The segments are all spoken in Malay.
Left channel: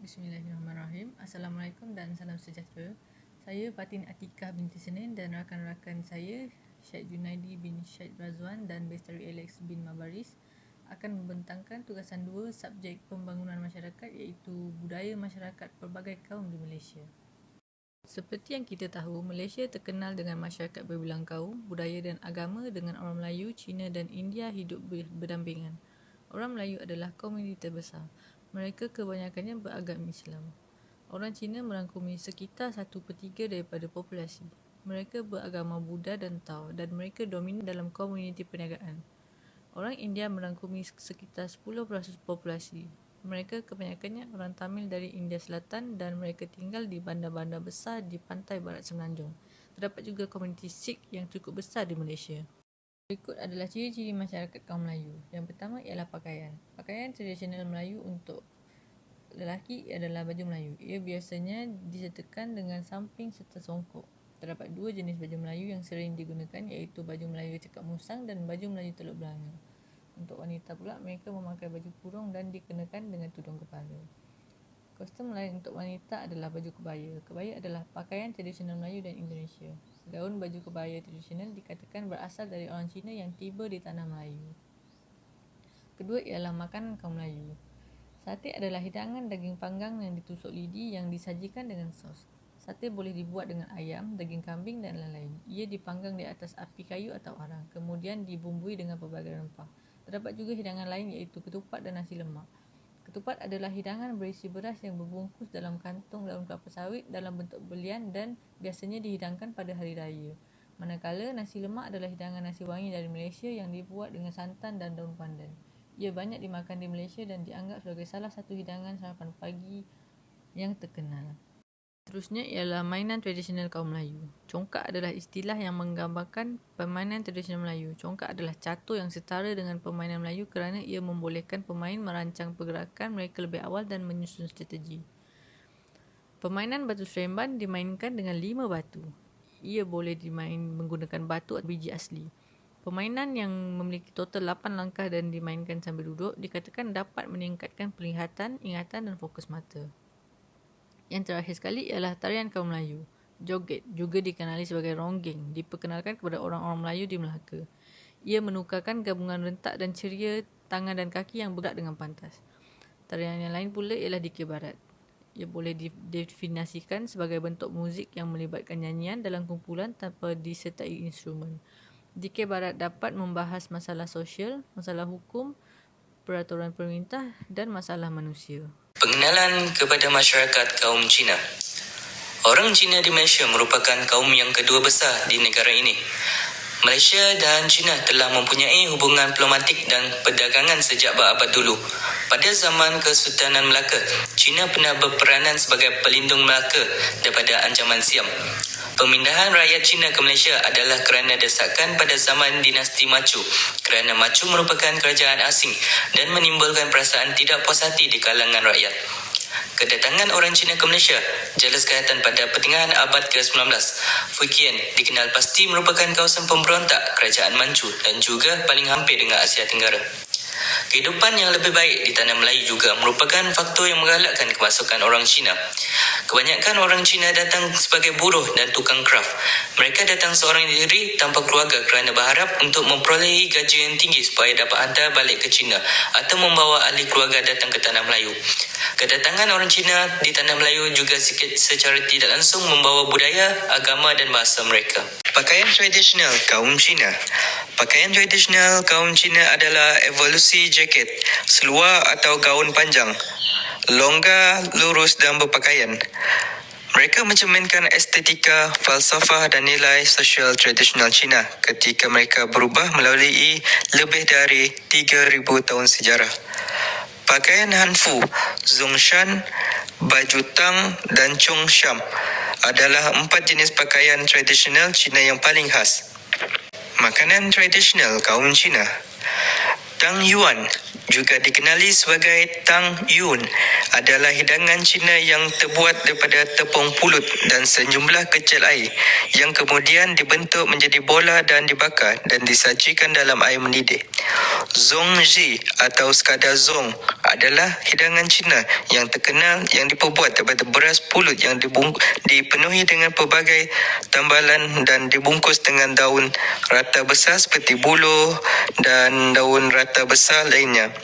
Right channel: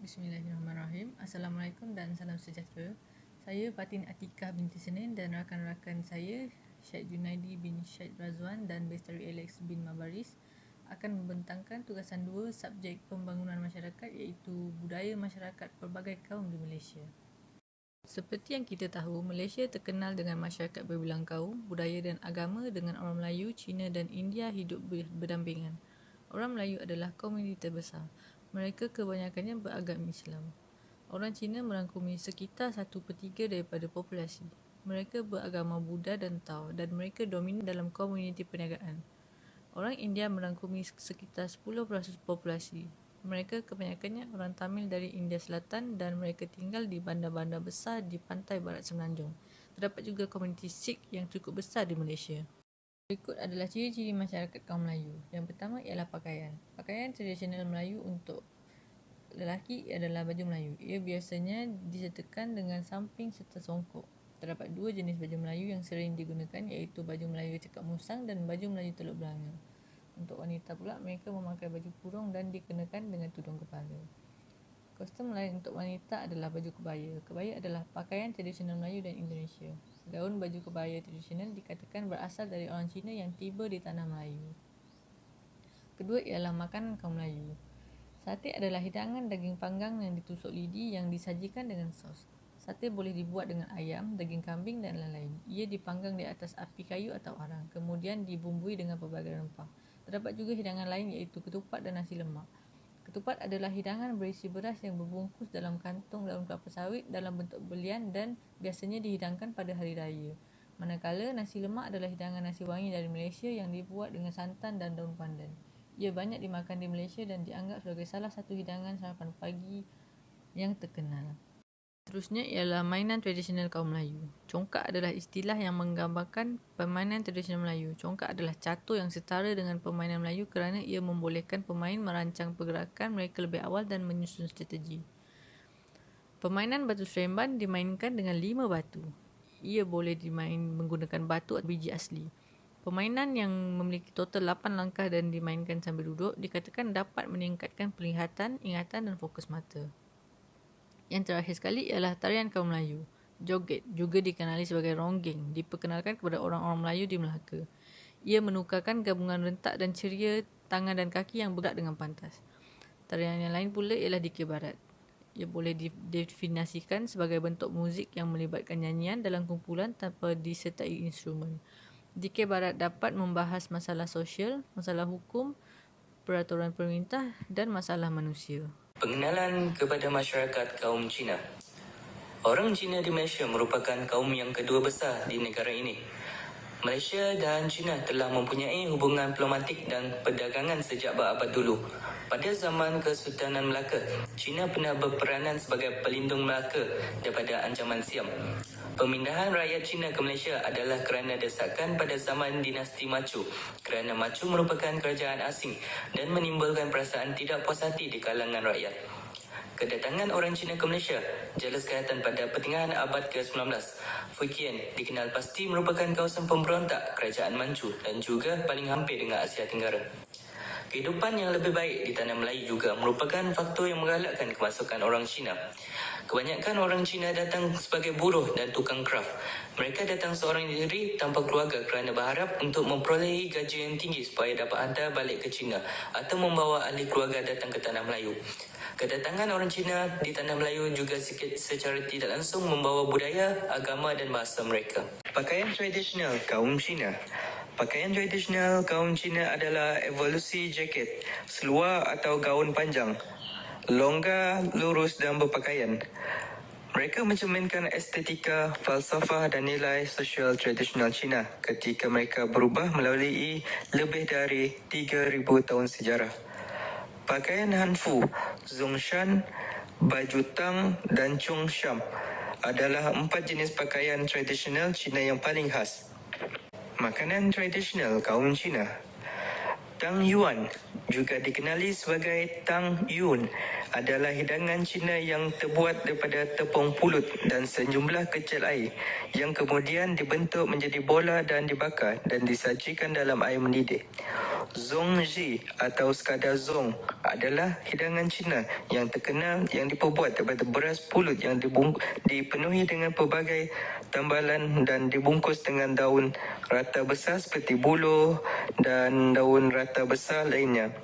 Bismillahirrahmanirrahim. Assalamualaikum dan salam sejahtera. Saya Fatin Atikah binti Senin dan rakan-rakan saya Syed Junaidi bin Syed Razwan dan Bestari Alex bin Mabaris akan membentangkan tugasan 2 subjek pembangunan masyarakat iaitu budaya masyarakat pelbagai kaum di Malaysia. Seperti yang kita tahu, Malaysia terkenal dengan masyarakat berbilang kaum, budaya dan agama dengan orang Melayu, Cina dan India hidup berdampingan. Orang Melayu adalah komuniti terbesar. Mereka kebanyakannya beragama Islam. Orang Cina merangkumi sekitar 1/3 daripada populasi. Mereka beragama Buddha dan Tao dan mereka dominan dalam komuniti perniagaan. Orang India merangkumi sekitar 10% populasi. Mereka kebanyakannya orang Tamil dari India Selatan dan mereka tinggal di bandar-bandar besar di pantai barat Semenanjung. Terdapat juga komuniti Sikh yang cukup besar di Malaysia. Berikut adalah ciri-ciri masyarakat kaum Melayu. Yang pertama ialah pakaian. Pakaian tradisional Melayu untuk lelaki adalah baju Melayu. Ia biasanya disertakan dengan samping serta songkok. Terdapat 2 jenis baju Melayu yang sering digunakan iaitu baju Melayu cekak musang dan baju Melayu teluk belanga. Untuk wanita pula, mereka memakai baju kurung dan dikenakan dengan tudung kepala. Kostum lain untuk wanita adalah baju kebaya. Kebaya adalah pakaian tradisional Melayu dan Indonesia. Gaun baju kebaya tradisional dikatakan berasal dari orang Cina yang tiba di tanah Melayu. Kedua ialah makanan kaum Melayu. Sate adalah hidangan daging panggang yang ditusuk lidi yang disajikan dengan sos. Sate boleh dibuat dengan ayam, daging kambing dan lain-lain. Ia dipanggang di atas api kayu atau arang, kemudian dibumbui dengan pelbagai rempah. Terdapat juga hidangan lain iaitu ketupat dan nasi lemak. Ketupat adalah hidangan berisi beras yang berbungkus dalam kantung daun kelapa sawit dalam bentuk belian dan biasanya dihidangkan pada hari raya. Manakala nasi lemak adalah hidangan nasi wangi dari Malaysia yang dibuat dengan santan dan daun pandan. Ia banyak dimakan di Malaysia dan dianggap sebagai salah satu hidangan sarapan pagi yang terkenal. Seterusnya ialah mainan tradisional kaum Melayu. Congkak adalah istilah yang menggambarkan permainan tradisional Melayu. Congkak adalah catur yang setara dengan permainan Melayu kerana ia membolehkan pemain merancang pergerakan mereka lebih awal dan menyusun strategi. Permainan batu seremban dimainkan dengan 5 batu. Ia boleh dimain menggunakan batu atau biji asli. Permainan yang memiliki total 8 langkah dan dimainkan sambil duduk dikatakan dapat meningkatkan penglihatan, ingatan dan fokus mata. Yang terakhir sekali ialah tarian kaum Melayu. Joget, juga dikenali sebagai ronggeng, diperkenalkan kepada orang-orang Melayu di Melaka. Ia menukarkan gabungan rentak dan ceria tangan dan kaki yang bergerak dengan pantas. Tarian yang lain pula ialah dikir barat. Ia boleh didefinisikan sebagai bentuk muzik yang melibatkan nyanyian dalam kumpulan tanpa disertai instrumen. Dikir barat dapat membahas masalah sosial, masalah hukum, peraturan pemerintah dan masalah manusia. Pengenalan kepada masyarakat kaum Cina. Orang Cina di Malaysia merupakan kaum yang kedua besar di negara ini. Malaysia dan China telah mempunyai hubungan diplomatik dan perdagangan sejak berabad dulu. Pada zaman Kesultanan Melaka, China pernah berperanan sebagai pelindung Melaka daripada ancaman Siam. Pemindahan rakyat Cina ke Malaysia adalah kerana desakan pada zaman dinasti Machu, kerana Machu merupakan kerajaan asing dan menimbulkan perasaan tidak puas hati di kalangan rakyat. Kedatangan orang Cina ke Malaysia jelas kelihatan pada pertengahan abad ke-19. Fukien dikenal pasti merupakan kawasan pemberontak kerajaan Manchu dan juga paling hampir dengan Asia Tenggara. Kehidupan yang lebih baik di tanah Melayu juga merupakan faktor yang menggalakkan kemasukan orang Cina. Kebanyakan orang Cina datang sebagai buruh dan tukang kraft. Mereka datang seorang diri tanpa keluarga kerana berharap untuk memperolehi gaji yang tinggi supaya dapat hantar balik ke China atau membawa ahli keluarga datang ke tanah Melayu. Kedatangan orang Cina di tanah Melayu juga secara tidak langsung membawa budaya, agama dan bahasa mereka. Pakaian tradisional kaum Cina. Pakaian tradisional kaum Cina adalah evolusi jaket, seluar atau gaun panjang, longgar, lurus dan berpakaian. Mereka mencerminkan estetika, falsafah dan nilai sosial tradisional Cina ketika mereka berubah melalui lebih dari 3,000 tahun sejarah. Pakaian Hanfu, Zhongshan, baju Tang dan Chongshan adalah 4 jenis pakaian tradisional Cina yang paling khas. Makanan tradisional kaum Cina. Tang Yuan, juga dikenali sebagai Tang Yun, adalah hidangan Cina yang terbuat daripada tepung pulut dan sejumlah kecil air yang kemudian dibentuk menjadi bola dan dibakar dan disajikan dalam air mendidih. Zongji atau sekadar zong adalah hidangan Cina yang terkenal yang diperbuat daripada beras pulut yang dipenuhi dengan pelbagai tambalan dan dibungkus dengan daun rata besar seperti buluh dan daun rata besar lainnya.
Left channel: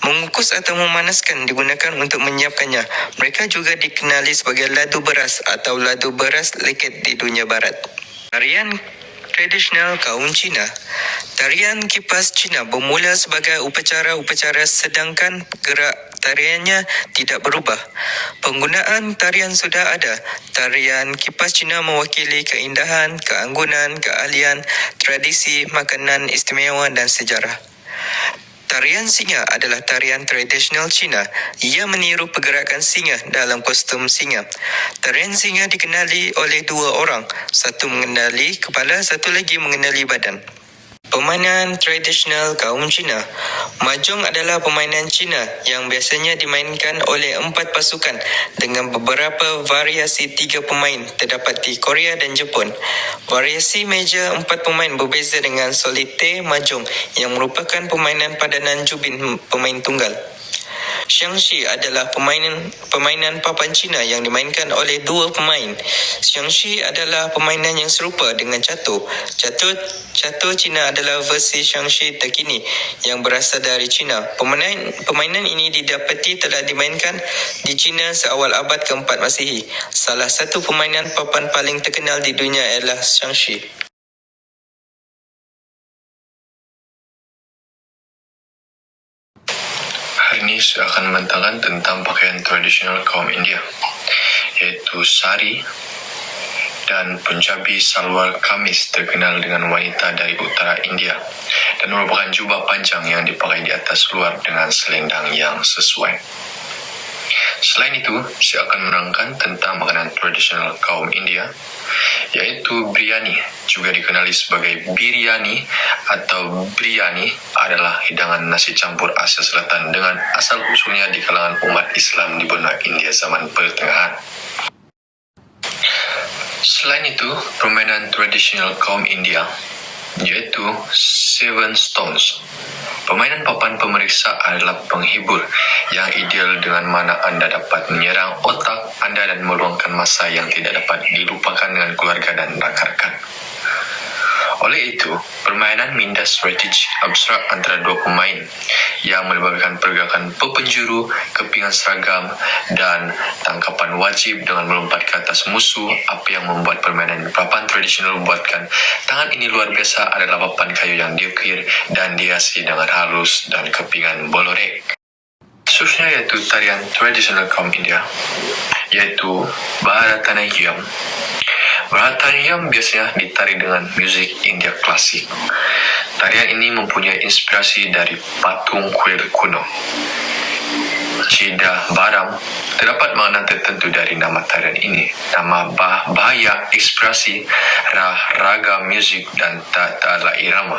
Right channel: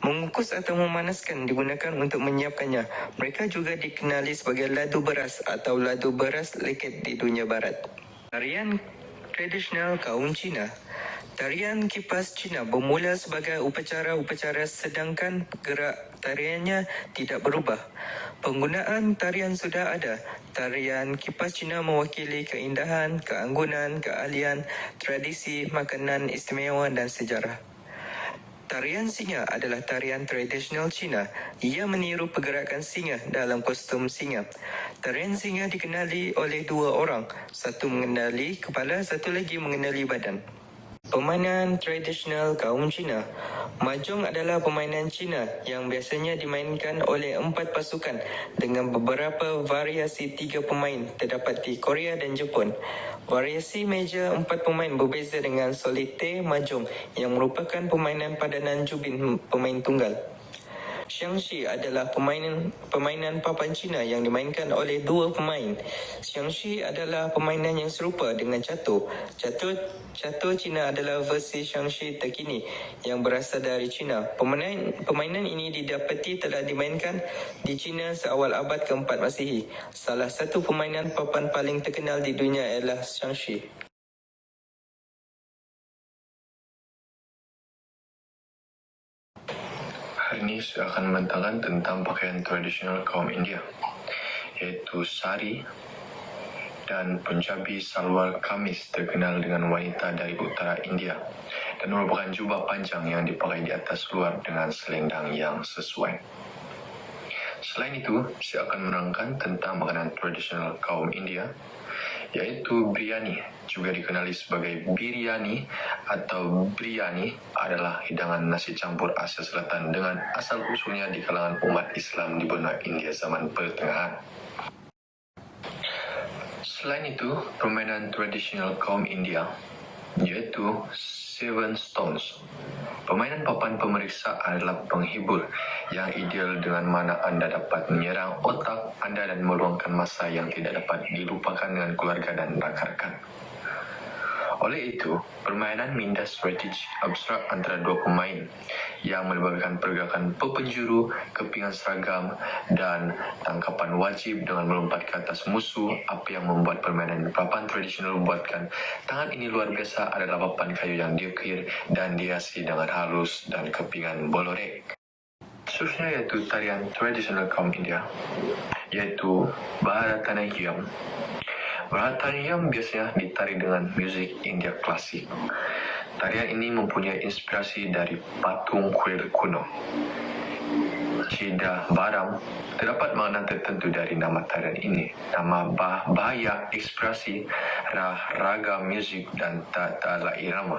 Mengukus atau memanaskan digunakan untuk menyiapkannya. Mereka juga dikenali sebagai ladu beras atau ladu beras leket di dunia barat. Tarian tradisional kaum Cina. Tarian kipas Cina bermula sebagai upacara-upacara sedangkan gerak tariannya tidak berubah. Penggunaan tarian sudah ada. Tarian kipas Cina mewakili keindahan, keanggunan, keahlian, tradisi, makanan istimewa dan sejarah. Tarian singa adalah tarian tradisional Cina. Ia meniru pergerakan singa dalam kostum singa. Tarian singa dikenali oleh dua orang. Satu mengenali kepala, satu lagi mengenali badan. Permainan tradisional kaum Cina. Mahjong adalah permainan Cina yang biasanya dimainkan oleh 4 pasukan dengan beberapa variasi 3 pemain terdapat di Korea dan Jepun. Variasi meja 4 pemain berbeza dengan solitaire mahjong yang merupakan permainan padanan jubin pemain tunggal. Xiangxi adalah permainan papan Cina yang dimainkan oleh 2 pemain. Xiangxi adalah permainan yang serupa dengan catur. Catur Cina adalah versi Xiangxi terkini yang berasal dari Cina. Permainan ini didapati telah dimainkan di Cina seawal abad ke-4 Masihi. Salah satu permainan papan paling terkenal di dunia ialah Xiangxi. Hari ini saya akan membentangkan tentang pakaian tradisional kaum India, yaitu sari dan Punjabi salwar kamis terkenal dengan wanita dari utara India dan merupakan jubah panjang yang dipakai di atas luar dengan selendang yang sesuai. Selain itu, saya akan menerangkan tentang makanan tradisional kaum India, yaitu biryani, juga dikenali sebagai biryani atau biryani, adalah hidangan nasi campur Asia Selatan dengan asal usulnya di kalangan umat Islam di benua India zaman pertengahan. Selain itu, permainan tradisional kaum India, yaitu Seven Stones. Permainan papan pemeriksa adalah penghibur yang ideal dengan mana anda dapat menyerang otak anda dan meluangkan masa yang tidak dapat dilupakan dengan keluarga dan rakan-rakan. Oleh itu, permainan minda strategi abstrak antara 2 pemain yang melibatkan pergerakan pepenjuru, kepingan seragam, dan tangkapan wajib dengan melompat ke atas musuh. Apa yang membuat permainan papan tradisional membuatkan tangan ini luar biasa adalah papan kayu yang diukir dan dihiasi dengan halus dan kepingan bolorek. Seterusnya yaitu tarian tradisional kaum India, yaitu Bharatanatyam. Bharatanatyam biasanya ditari dengan musik India klasik. Tarian ini mempunyai inspirasi dari patung kuil kuno. Cida Baram terdapat makna tertentu dari nama tarian ini. Nama bahaya ekspresi, raga musik dan tata irama.